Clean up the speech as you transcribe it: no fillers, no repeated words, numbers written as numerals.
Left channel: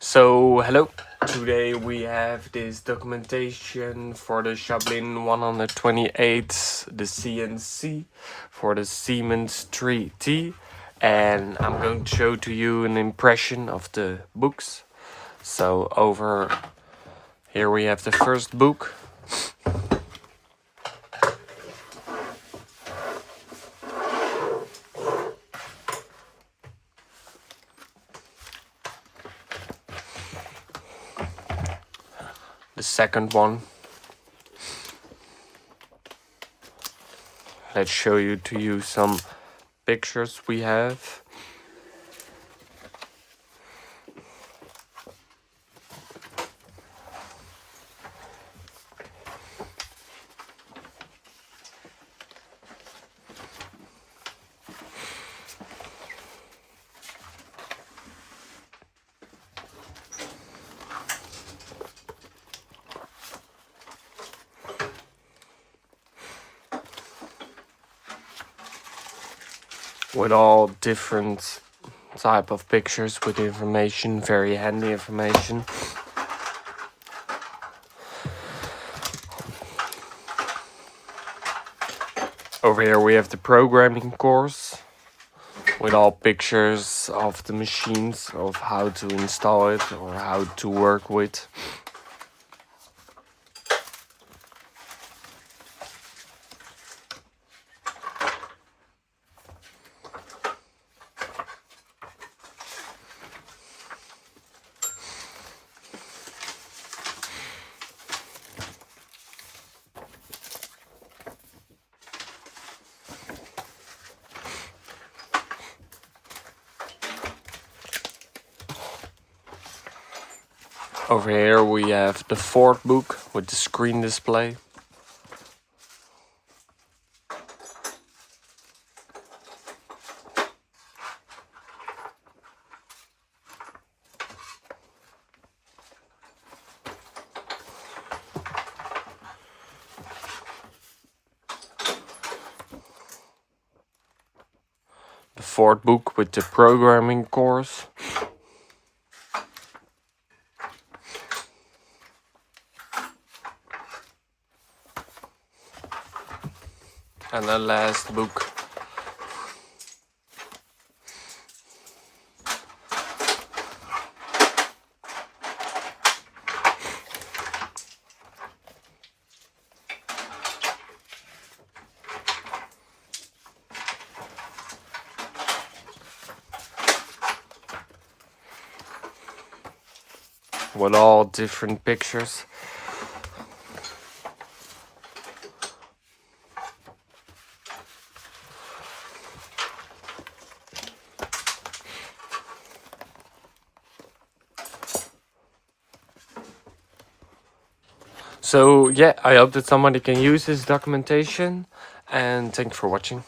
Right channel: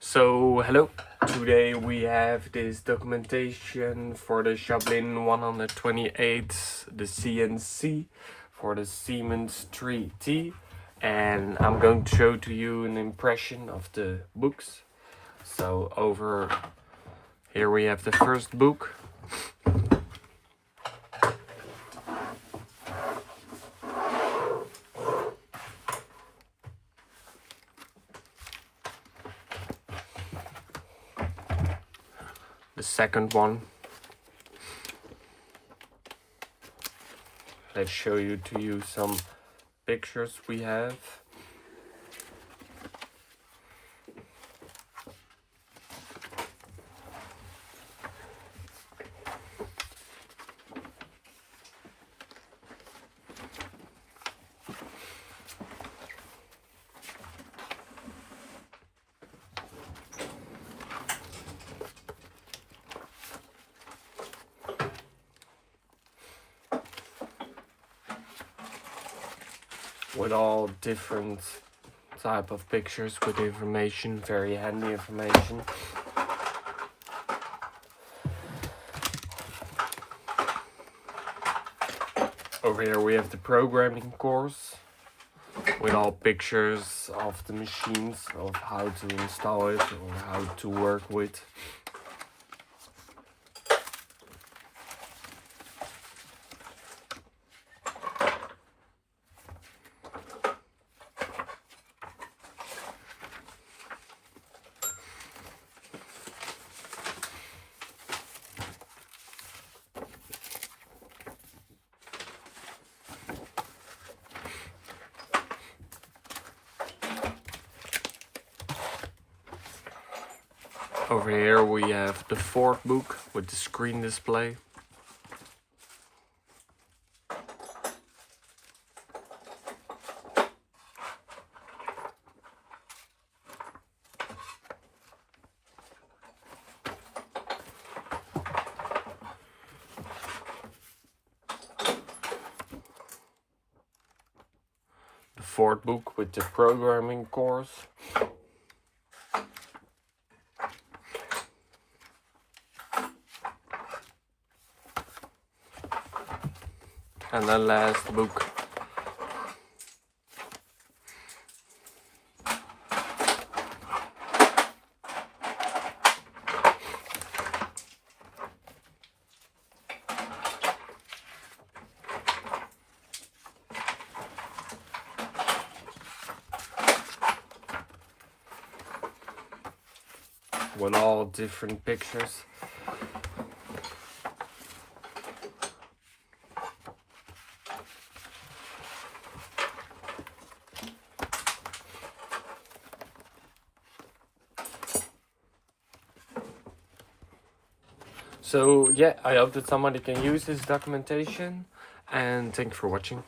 So hello, today we have this documentation for the Schaublin 128, the CNC for the Siemens 3T, and I'm going to show to you an impression of the books. So over here we have the first book. The second one. Let's show you some pictures we have. With all different type of pictures with information, very handy information. Over here we have the programming course with all pictures of the machines, of how to install it or how to work with. Over here we have the fourth book with the screen display. The fourth book with the programming course. And the last book. With all different pictures. So yeah, I hope that somebody can use this documentation, and thank you for watching.